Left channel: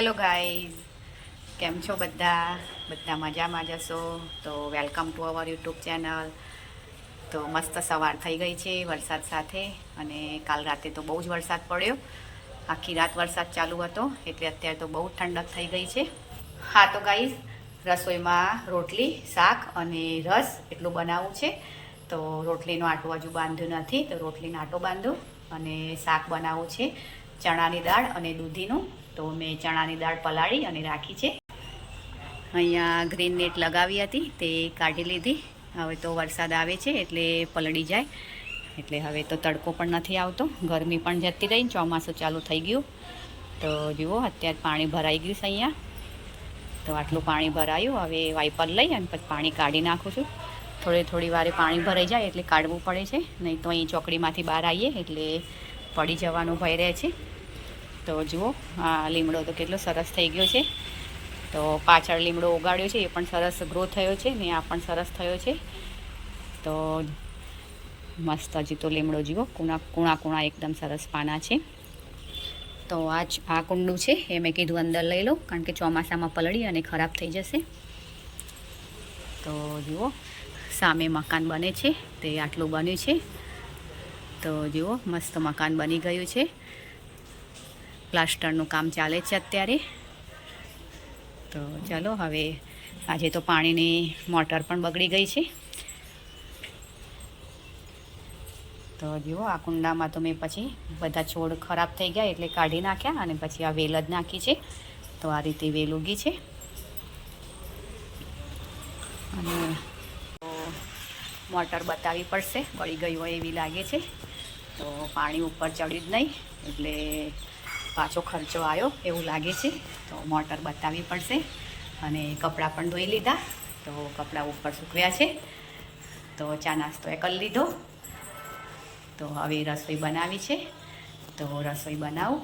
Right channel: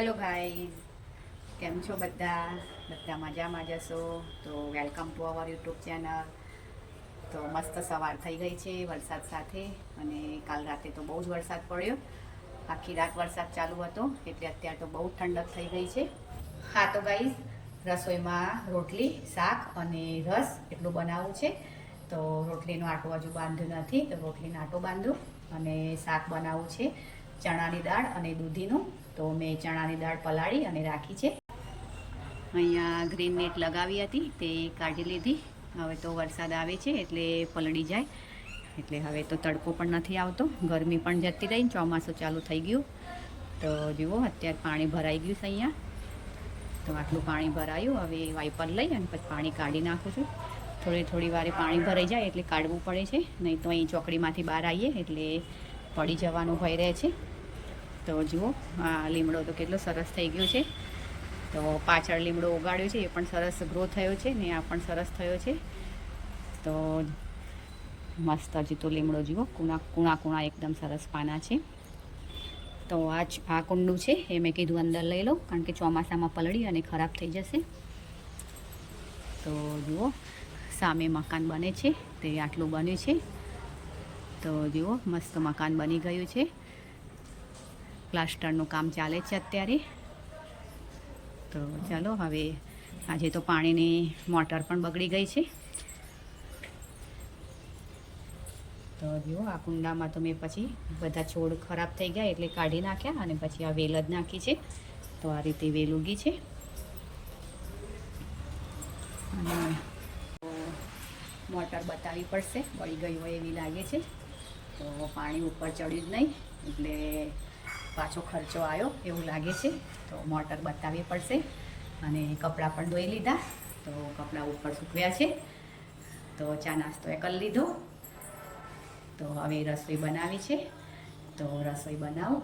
Hello guys, કેમ છો બધા? બધા મજામાં જશો તો welcome to our YouTube channel. તો મસ્ત સવાર થઈ ગઈ છે વરસાદ સાથે, અને કાલ રાતે તો બહુ જ વરસાદ પડ્યો. આખી રાત વરસાદ ચાલુ હતો, એટલે અત્યારે તો બહુ ઠંડક થઈ ગઈ છે. હા તો ગાઈઝ, રસોઈમાં રોટલી, શાક અને રસ એટલું બનાવવું છે. તો રોટલીનો આટો હજુ બાંધ્યો નથી, તો રોટલીનો આટો બાંધું. અને શાક બનાવવું છે ચણાની દાળ અને દૂધીનું. તો મેં ચણાની દાળ પલાળી અને રાખી છે. અહીંયા ગ્રીન નેટ લગાવી હતી, તે કાઢી લીધી. હવે તો વરસાદ આવે છે એટલે પલળી જાય, એટલે હવે તો તડકો પણ નથી આવતો, ગરમી પણ જતી રહી, ચોમાસું ચાલુ થઈ ગયું. તો જુઓ અત્યારે પાણી ભરાઈ ગયું છે અહીંયા. તો આટલું પાણી ભરાયું, હવે વાઇપર લઈ અને પછી પાણી કાઢી નાખું છું. થોડી વારે પાણી ભરાઈ જાય એટલે કાઢવું પડે છે, નહીં તો અહીં ચોકડીમાંથી બહાર આવીએ એટલે પડી જવાનો ભય રહે છે. તો જુઓ આ લીમડો તો કેટલો સરસ થઈ ગયો છે. તો પાછળ લીમડો ઉગાડ્યો છે, એ પણ સરસ ગ્રો થયો છે ને આ પણ સરસ થયો છે. તો મસ્ત હજી તો લીમડો જુઓ, કૂણા એકદમ સરસ પાના છે. તો આ કુંડું છે એ મેં કીધું અંદર લઈ લઉં, કારણ કે ચોમાસામાં પલળી અને ખરાબ થઈ જશે. તો જુઓ સામે મકાન બને છે, તે આટલું બન્યું છે. તો જુઓ મસ્ત મકાન બની ગયું છે. પ્લાસ્ટરનું કામ ચાલે છે અત્યારે. તો ચાલો હવે, આજે તો પાણીની મોટર પણ બગડી ગઈ છે. તો જુઓ આ કુંડામાં તો મેં પછી બધા છોડ ખરાબ થઈ ગયા એટલે કાઢી નાખ્યા, અને પછી આ વેલ જ નાખી છે. તો આ રીતે વેલ ઉગી છે. અને મોટર બતાવવી પડશે, બળી ગઈ હોય એવી લાગે છે. તો પાણી ઉપર ચડ્યું જ નહીં, એટલે પાછો ખર્ચો આવ્યો એવું લાગે છે. તો મોટર બતાવવી પડશે. અને કપડાં પણ ધોઈ લીધા, તો કપડાં ઉપર સૂકવ્યા છે. તો ચા નાસ્તો એ કરી લીધો. તો હવે રસોઈ બનાવી છે, તો રસોઈ બનાવું.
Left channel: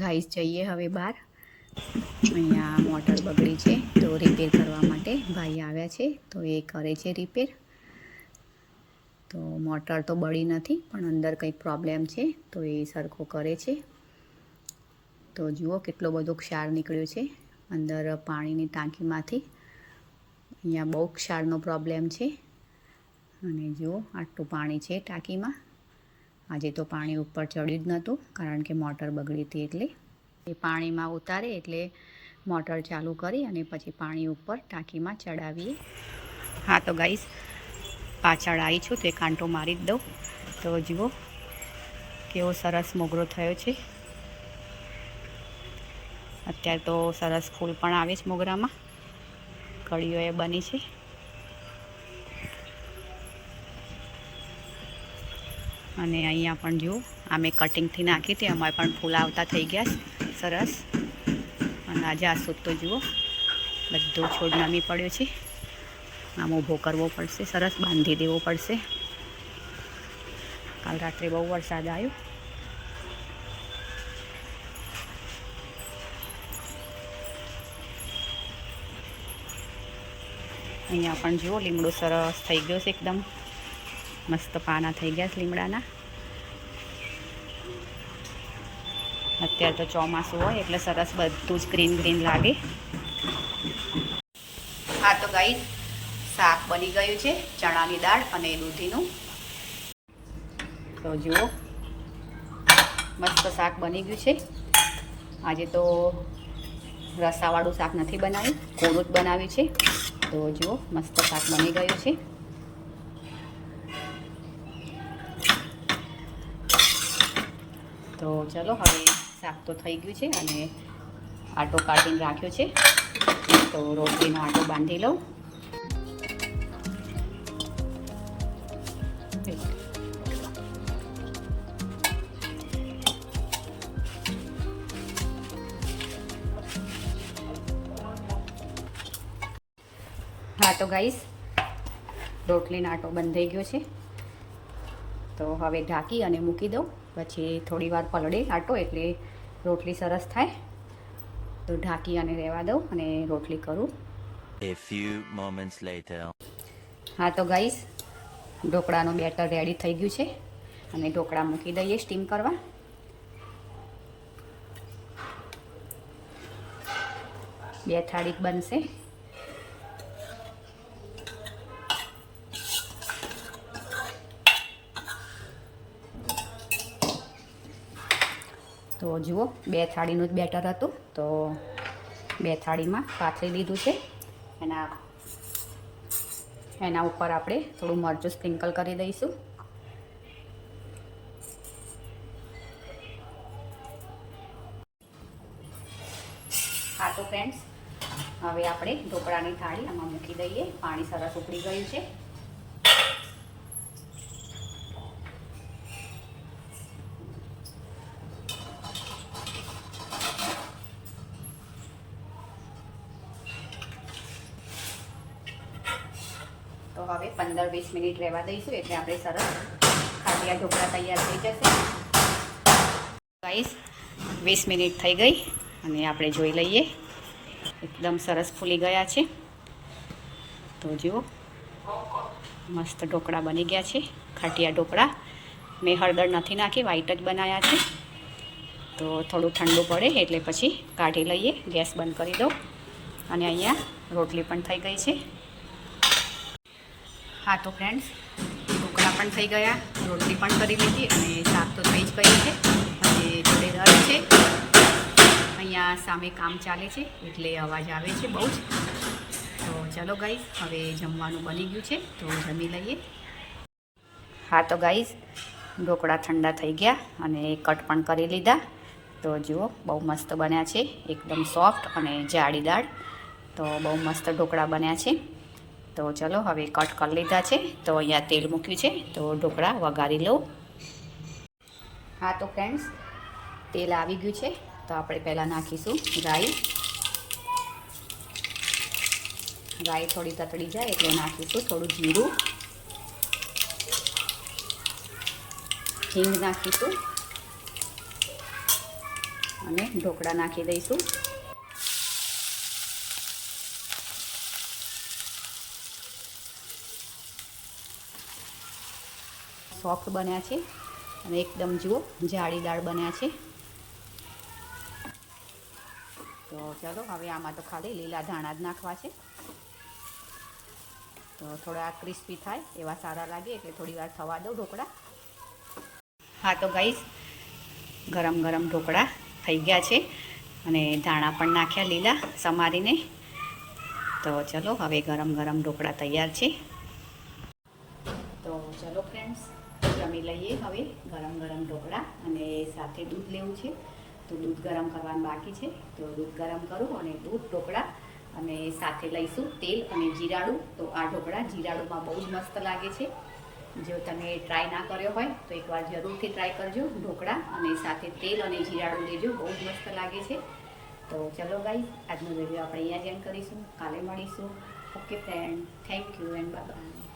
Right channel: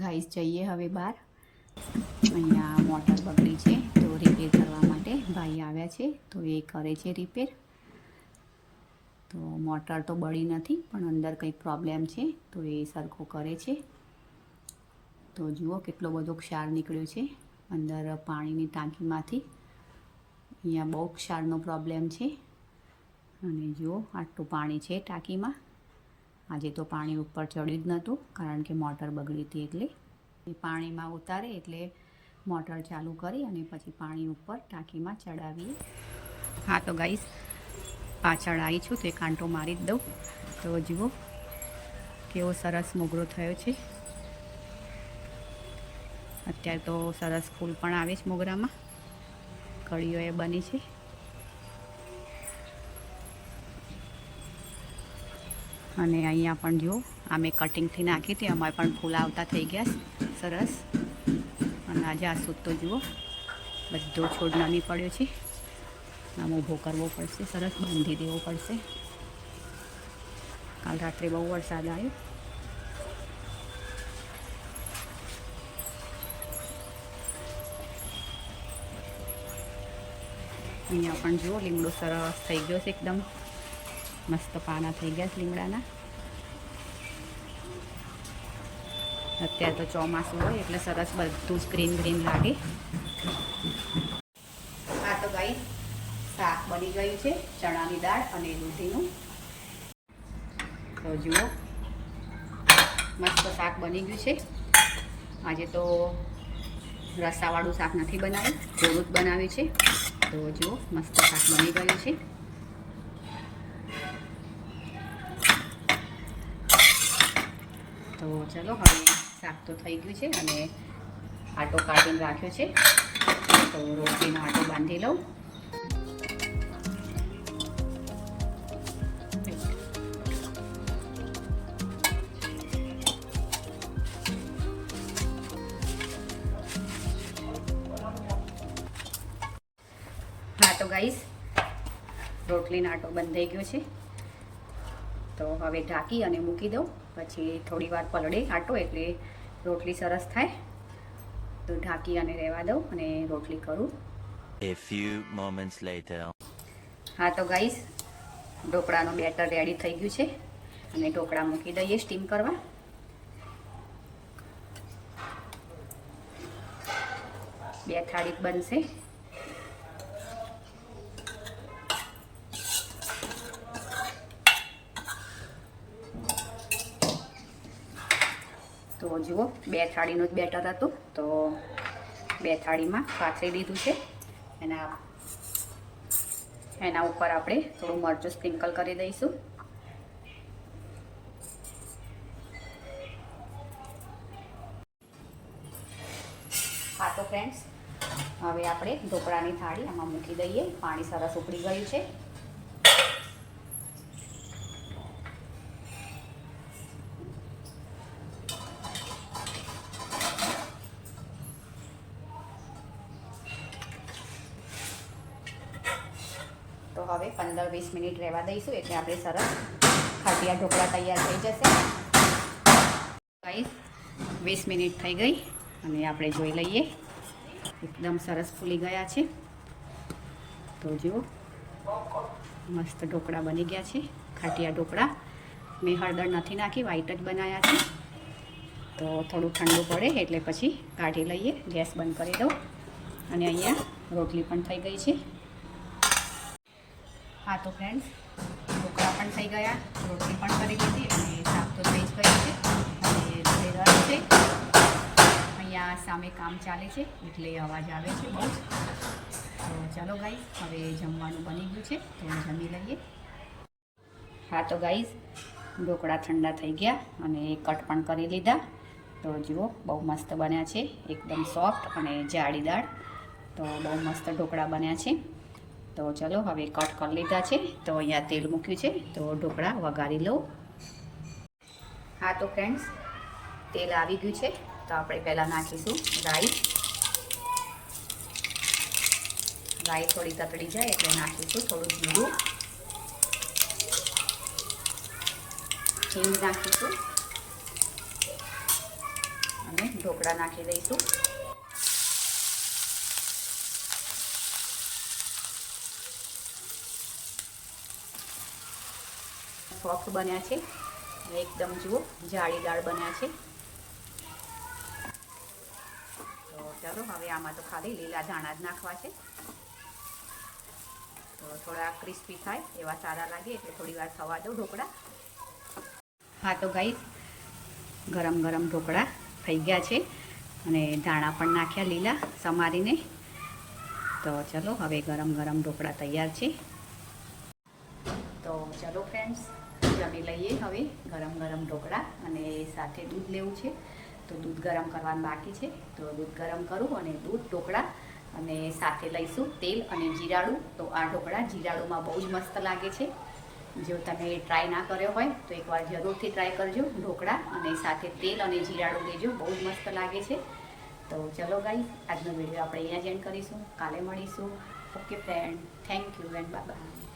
ગાઈસ જઈએ હવે બહાર. અહીંયા મોટર બગડી છે, તો રિપેર કરવા માટે ભાઈ આવ્યા છે, તો એ કરે છે રિપેર. તો મોટર તો બળી નથી, પણ અંદર કંઈક પ્રોબ્લેમ છે, તો એ સરખો કરે છે. તો જુઓ કેટલો બધો ક્ષાર નીકળ્યો છે અંદર પાણીની ટાંકીમાંથી. અહીંયા બહુ ક્ષારનો પ્રોબ્લેમ છે. અને જુઓ આટલું પાણી છે ટાંકીમાં. આજે તો પાણી ઉપર ચડ્યું જ નહોતું, કારણ કે મોટર બગડી હતી. એટલે એ પાણીમાં ઉતારે એટલે મોટર ચાલુ કરી અને પછી પાણી ઉપર ટાંકીમાં ચડાવીએ. હા તો ગાઈસ, પાછળ આવી છું તે કાંટો મારી જ દઉં. તો જુઓ કેવો સરસ મોગરો થયો છે. અત્યારે તો સરસ ફૂલ પણ આવે છે મોગરામાં, કળીઓ એ બની છે. અને અહીંયા પણ જુઓ, આ મેં કટિંગથી નાખી હતી, અમારે પણ ફૂલ આવતા થઈ ગયા સરસ. અને આજે આ સૂટ તો જુઓ બધો છોડ નમી પડ્યો છે. આમ ઊભો કરવો પડશે, સરસ બાંધી દેવો પડશે. કાલ રાત્રે બહુ વરસાદ આવ્યો. અહીંયા પણ જુઓ લીમડો સરસ થઈ ગયો છે, એકદમ મસ્ત પાના થઈ ગયા છે લીમડાના. અત્યારે તો ચોમાસું હોય એટલે સરસ બધું જ ગ્રીન ગ્રીન લાગે. હા તો ગાઈસ, શાક બની ગયું છે ચણાની દાળ અને દૂધીનું. તો જુઓ મસ્ત શાક બની ગયું છે. આજે તો રસાવાળું શાક નથી બનાવ્યું, કોરું જ બનાવ્યું છે. તો જુઓ મસ્ત શાક બની ગયું છે. તો ચલો હવે શાક તો થઈ ગયું છે, અને આટો કાઢીને રાખ્યો છે. તો રોટલીનો આટો બાંધી લઉં. હા તો ગાઈસ, રોટલીનો આટો બંધ થઈ ગયો છે, તો હવે ઢાંકી અને મૂકી દઉં. પછી થોડી વાર પલળે આટો એટલે રોટલી સરસ થાય. તો ઢાંકી અને રહેવા દઉં અને રોટલી કરું. A few moments later. હા તો ગાઈસ, ઢોકળાનું બેટર રેડી થઈ ગયું છે અને ઢોકળા મૂકી દઈએ સ્ટીમ કરવા. બે થાળી બનશે. તો જુઓ, બે થાળીનું જ બેટર હતું, તો બે થાળીમાં પાથરી લીધું છે. એના ઉપર આપણે થોડું મરચું સ્પ્રિંકલ કરી દઈશું. હા તો ફ્રેન્ડ્સ, હવે આપણે ઢોકળાની થાળી આમાં મૂકી દઈએ. પાણી સરસ ઉકળી ગયું છે. તો હવે 15-20 મિનિટ રહેવા દઈશું એટલે આપણે સરસ ખાટિયા ઢોકળા તૈયાર થઈ જશે. ગાઈસ, 20 મિનિટ થઈ ગઈ અને આપણે જોઈ લઈએ. એકદમ સરસ ફૂલી ગયા છે. તો જુઓ, મસ્ત ઢોકળા બની ગયા છે, ખાટિયા ઢોકળા. મેં હળદર નથી નાખી, વ્હાઈટ જ બનાવ્યા છે. તો થોડું ઠંડુ પડે એટલે પછી કાઢી લઈએ. ગેસ બંધ કરી દઉં. અને અહીંયા રોટલી પણ થઈ ગઈ છે. હા તો ફ્રેન્ડ્સ, ઢોકળા પણ થઈ ગયા, રોટલી પણ કરી લીધી અને શાક તો થઈ જ ગયું છે અને જોડે દળ છે. અહીંયા સામે કામ ચાલે છે એટલે અવાજ આવે છે બહુ જ. તો ચાલો ગાઈસ, હવે જમવાનું બની ગયું છે તો જમી લઈએ. હા તો ગાઈસ, ઢોકળા ઠંડા થઈ ગયા અને કટ પણ કરી લીધા. તો જુઓ, બહુ મસ્ત બન્યા છે, એકદમ સોફ્ટ અને જાળીદાર. તો બહુ મસ્ત ઢોકળા બન્યા છે. તો ચલો હવે કટ કરી લીધા છે. તો અહીંયા તેલ મૂક્યું છે, તો ઢોકળા વઘારી લઉં. હા તો ફ્રેન્ડ્સ, તેલ આવી ગયું છે. તો આપણે પહેલાં નાખીશું રાઈ. રાઈ થોડી તતડી જાય એટલે નાખીશું થોડું જીરું, હિંગ નાખીશું અને ઢોકળા નાખી દઈશું. સોફ્ટ બન્યા છે અને એકદમ જુઓ જાળીદાર બન્યા છે. તો ચાલો હવે આમાં તો ખાલી લીલા ધાણા જ નાખવા છે. તો થોડા ક્રિસ્પી થાય એવા સારા લાગે એટલે થોડી વાર થવા દો ઢોકળા. હા તો ગાઈસ, ગરમ ગરમ ઢોકળા થઈ ગયા છે અને ધાણા પણ નાખ્યા લીલા સમારીને. તો ચલો હવે ગરમ ગરમ ઢોકળા તૈયાર છે. તો ચલો ફ્રેન્ડ્સ, જમી લઈએ હવે ગરમ ગરમ ઢોકળા. અને સાથે દૂધ લેવું છે, તો દૂધ ગરમ કરવાનું બાકી છે. તો દૂધ ગરમ કરું અને દૂધ, ઢોકળા અને સાથે લઈશું તેલ અને જીરાળું. તો આ ઢોકળા જીરાળુમાં બહુ જ મસ્ત લાગે છે. જો તમે ટ્રાય ના કર્યો હોય તો એકવાર જરૂરથી ટ્રાય કરજો. ઢોકળા અને સાથે તેલ અને જીરાળું લેજો, બહુ જ મસ્ત લાગે છે. તો ચલો ગાઈસ, આજનો વિડીયો આપણે અહીંયા જ એન્ડ કરીશું. કાલે મળીશું. Okay friend, thank you and bye bye.